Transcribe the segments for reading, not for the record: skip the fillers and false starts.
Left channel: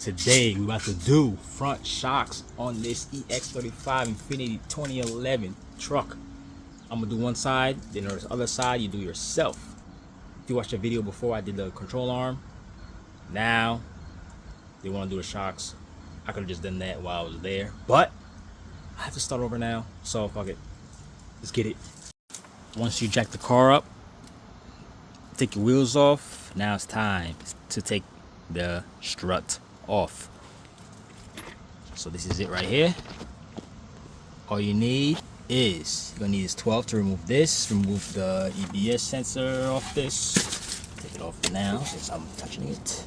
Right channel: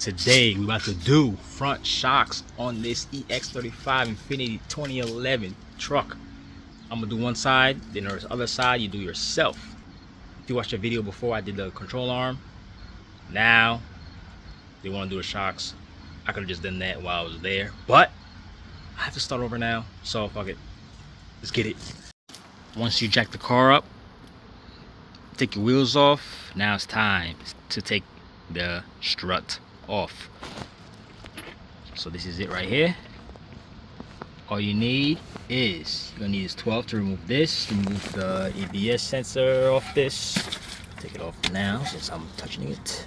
Today we're about to do front shocks on this EX35 Infiniti 2011 truck. I'm gonna do one side, then there's the other side you do yourself. If you watched the video before, I did the control arm. Now they want to do the shocks. I could have just done that while I was there, but I have to start over now, so fuck it. Let's get it. Once you jack the car up, take your wheels off. Now it's time to take the strut off. So this is it right here. All you need is, you're gonna need is 12 to remove this, remove the ABS sensor off this. Take it off now since I'm touching it.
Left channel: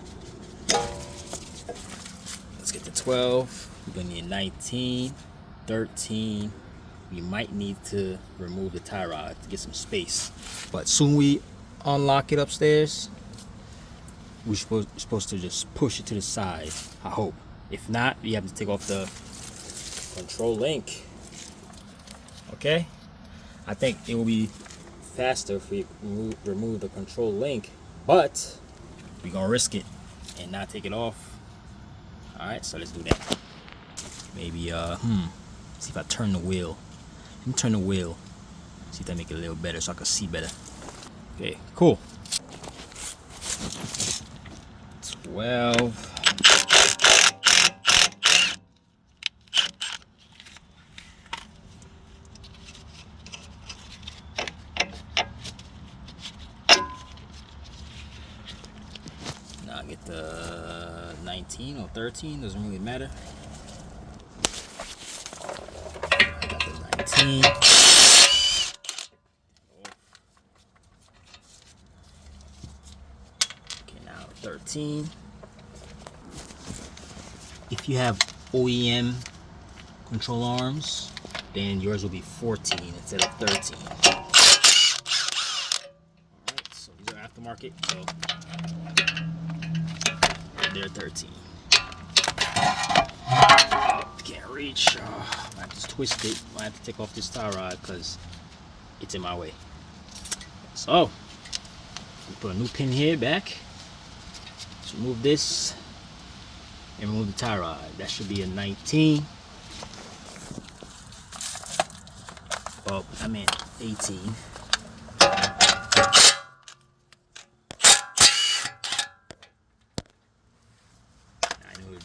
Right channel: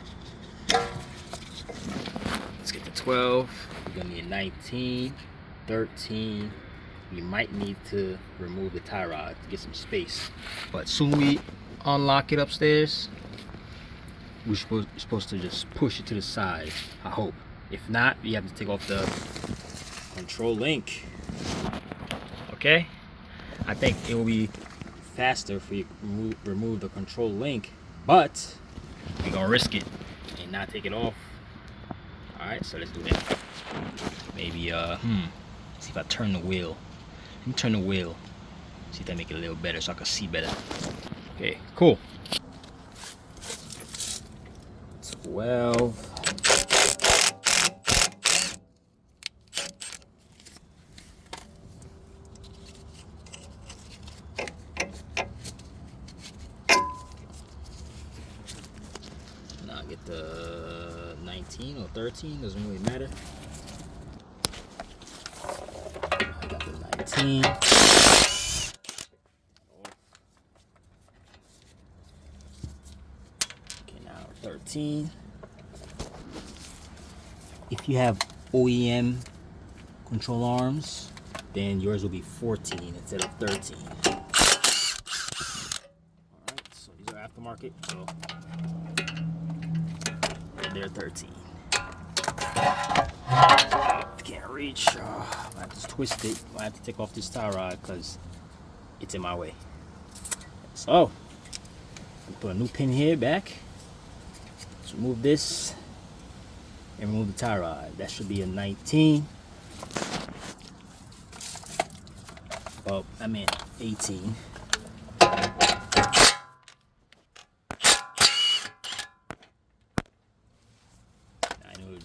Let's get the 12. You're gonna need 19, 13. You might need to remove the tie rod to get some space. But soon we unlock it upstairs, we're supposed to just push it to the side, I hope. If not, you have to take off the control link. Okay? I think it will be faster if we remove the control link, but we're gonna risk it and not take it off. Alright, so let's do that. Maybe, see if I turn the wheel. Let me turn the wheel. See if that make it a little better so I can see better. Okay, cool. 12. Now I get the 19 or 13, doesn't really matter. I got the 19. Okay, now 13. If you have OEM control arms, then yours will be 14 instead of 13. Alright, so these are aftermarket, so they're 13. Can't reach. I have to twist it. I have to take off this tie rod because it's in my way. So, put a new pin here back. Let's remove this and remove the tie rod. That should be a 19. Oh, I meant 18.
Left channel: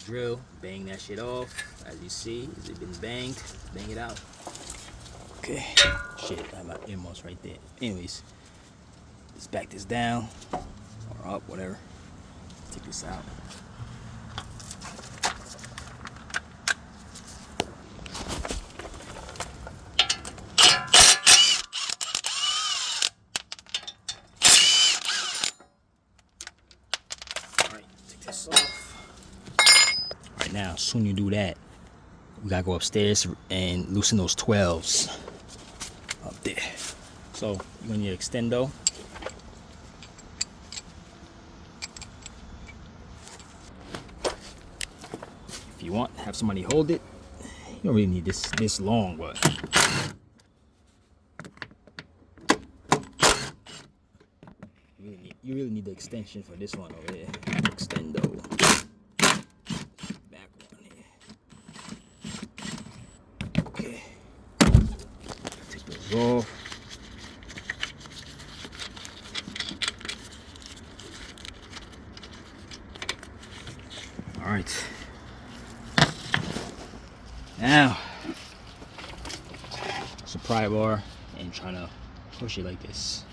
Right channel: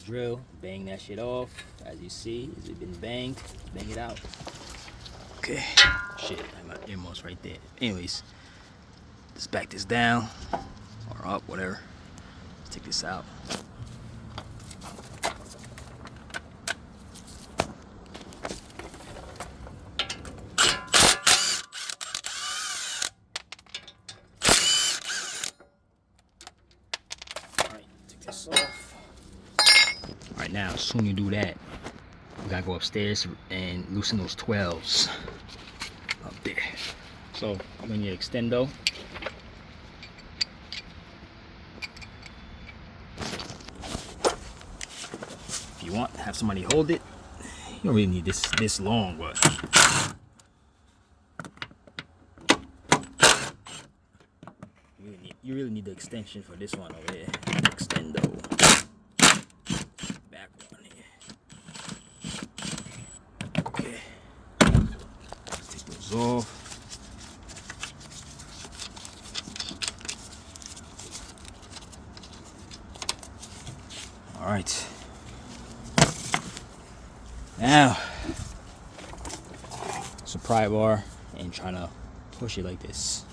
Drill, bang that shit off. As you see, has it been banged? Bang it out. Okay. Shit, I have my earmuffs right there. Anyways, just back this down or up, whatever. Take this out. All right, take this off. Right now, as soon as you do that, you gotta go upstairs and loosen those 12s up there. So I'm gonna need extendo. If you want, have somebody hold it. You don't really need this long, but you really need the extension for this one over here. Extendo. Off. All right. Now, it's a pry bar and trying to push it like this.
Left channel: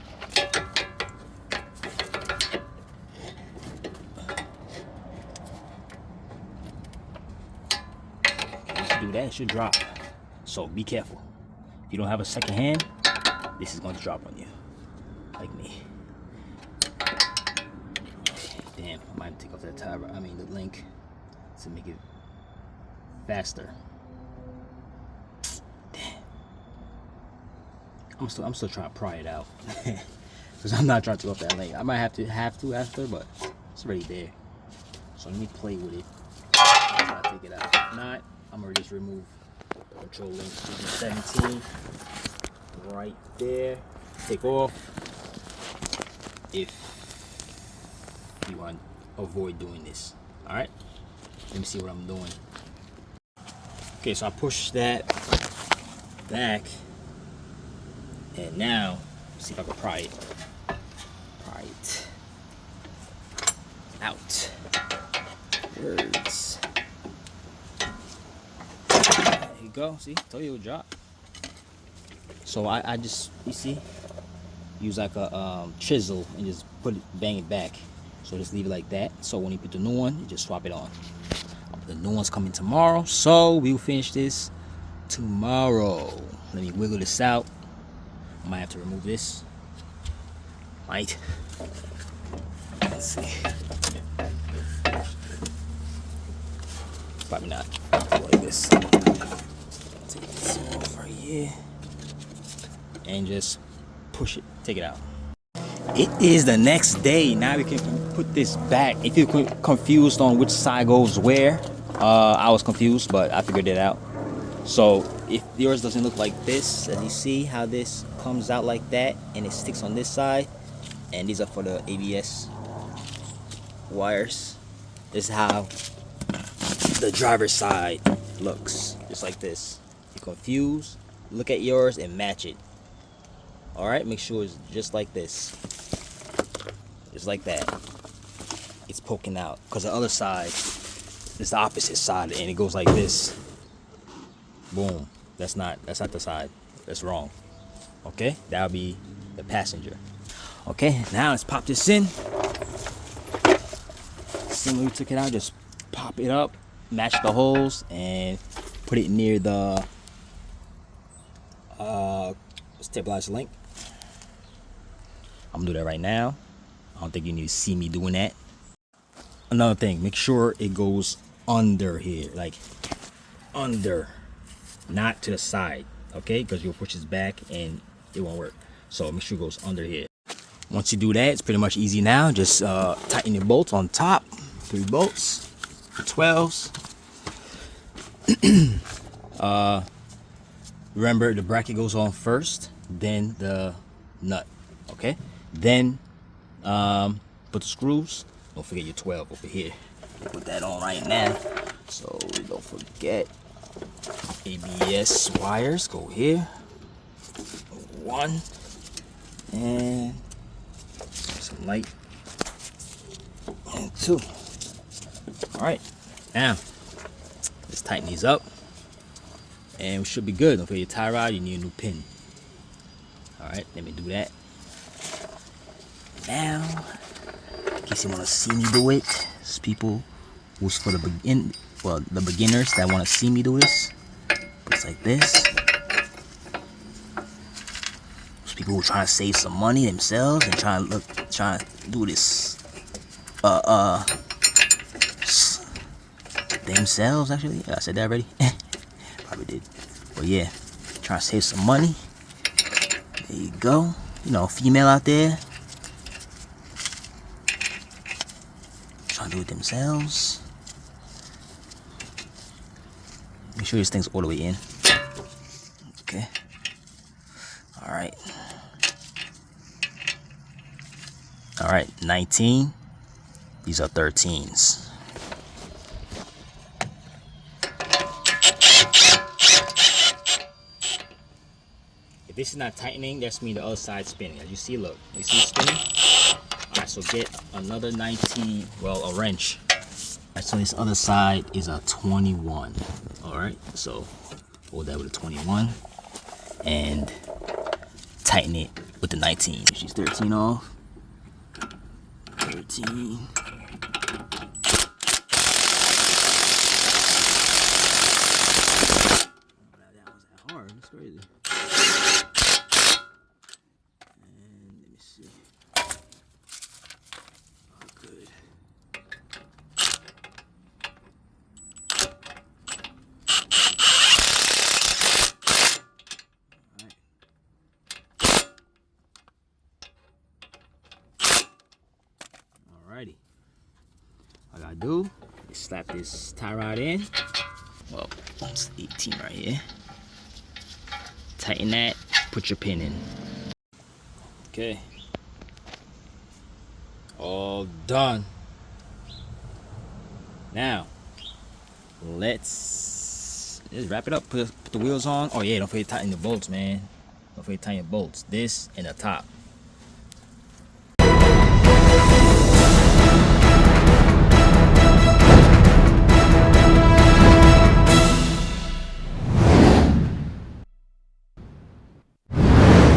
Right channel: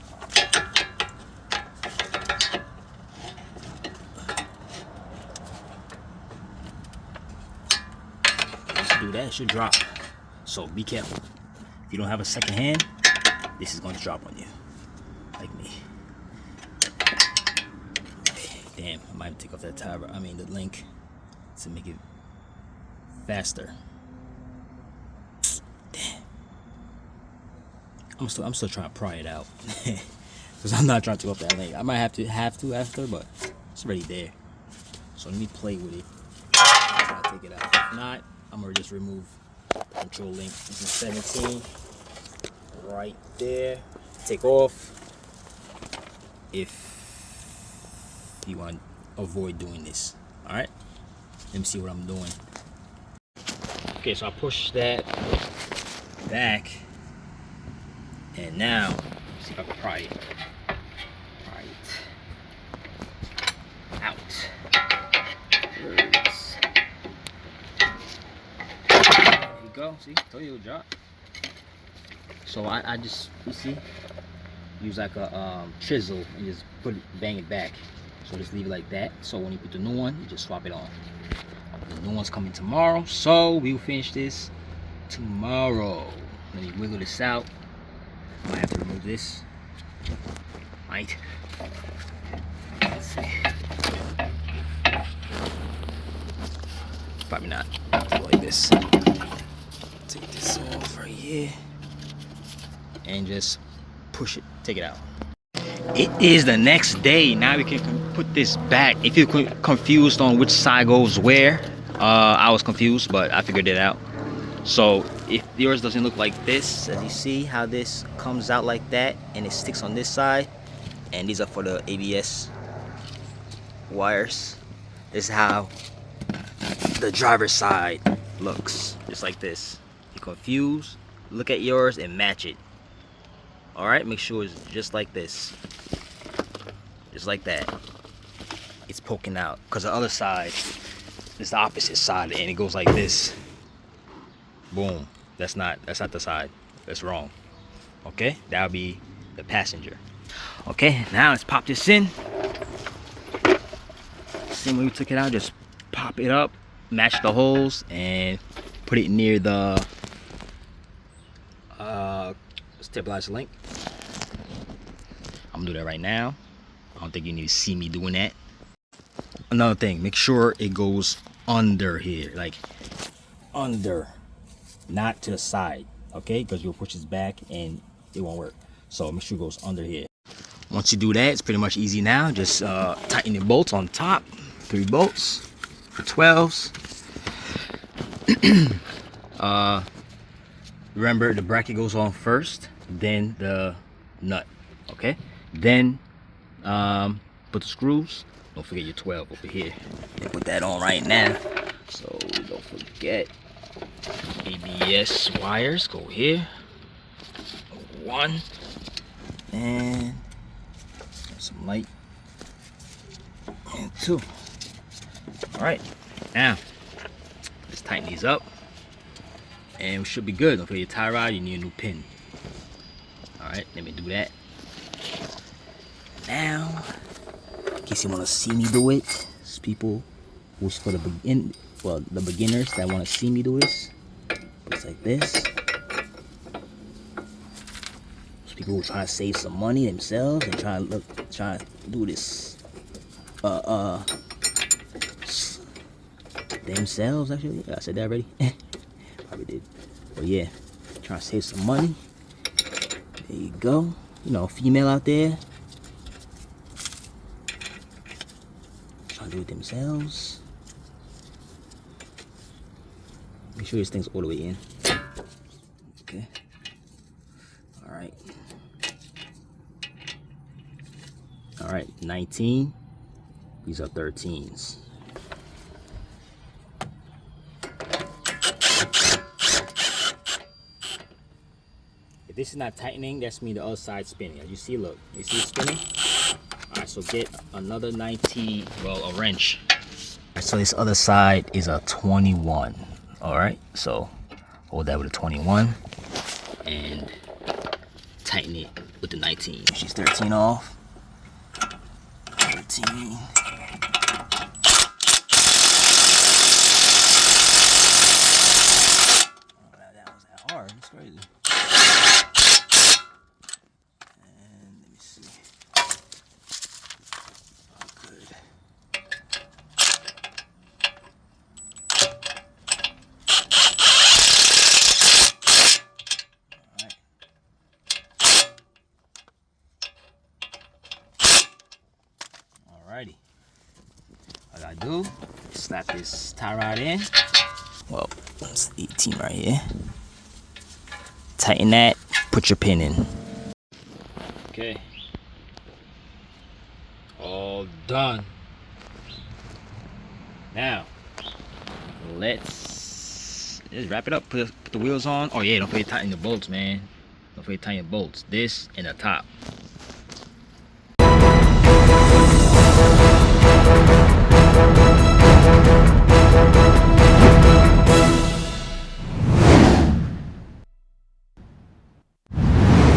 Once you do that, it should drop. So be careful. If you don't have a second hand, this is going to drop on you, like me. Okay, damn, I might take off that tie, I mean the link, to make it faster. Damn. I'm still trying to pry it out, because I'm not trying to take off that link. I might have to after, but it's already there. So let me play with it. Try to take it out. If not, I'm gonna just remove the control link using 17 right there. Take off if you want to avoid doing this. All right, Let me see what I'm doing. Okay, so I push that back, and now let's see if I can pry it out. There it is. There you go. See, told you it would drop. So I just, you see, use like a chisel and just bang it back. So just leave it like that. So when you put the new one, you just swap it on. The new one's coming tomorrow, so we'll finish this tomorrow. Let me wiggle this out. Might have to remove this. Right. Let's see. Probably not. Like this. Take this off right here. And just push it. Take it out. It is the next day. Now we can put this back. If you're confused on which side goes where, I was confused, but I figured it out. So if yours doesn't look like this, as you see how this comes out like that and it sticks on this side, and these are for the ABS wires, this is how the driver's side looks, just like this. If you're confused, look at yours and match it. All right, make sure it's just like this, just like that. It's poking out because the other side is the opposite side and it goes like this. Boom. That's not the side. That's wrong. Okay, that'll be the passenger. Okay, now let's pop this in. Same way we took it out, just pop it up, match the holes, and put it near the stabilizer link. I'm gonna do that right now. I don't think you need to see me doing that. Another thing, make sure it goes under here, like under, not to the side, okay? Because you'll push this back and it won't work. So make sure it goes under here. Once you do that, it's pretty much easy now. Just tighten your bolts on top. 3 bolts, 12s. Remember, the bracket goes on first, then the nut, okay? Then put the screws. Don't forget your 12 over here. Put that on right now, so don't forget. ABS wires go here. 1 and some light, and 2. All right, now let's tighten these up, and we should be good. Don't forget your tie rod. You need a new pin. All right, let me do that now. In case you want to see me do it, it's people who's for the beginners that want to see me do this. It's like this. Those people who are trying to save some money themselves and trying to do this themselves. Actually, yeah, I said that already. Probably did. But yeah, trying to save some money. There you go. You know, female out there trying to do it themselves. Make sure this thing's all the way in. Okay. All right. All right, 19. These are 13s. If this is not tightening, that's mean the other side's spinning. As you see, look, you see it spinning? All right, so get another 19, well, a wrench. All right, so this other side is a 21. All right, so hold that with a 21 and tighten it with the 19. She's 13 off. 13. That was that hard. It's crazy. And let me see. Oh, good. Alrighty. All I gotta do is slap this tie rod in. Well, it's 18 right here. Tighten that, put your pin in. Okay. All done. Now, let's wrap it up. Put the wheels on. Oh yeah, don't forget to tighten the bolts, man. Don't forget to tighten your bolts. This and the top.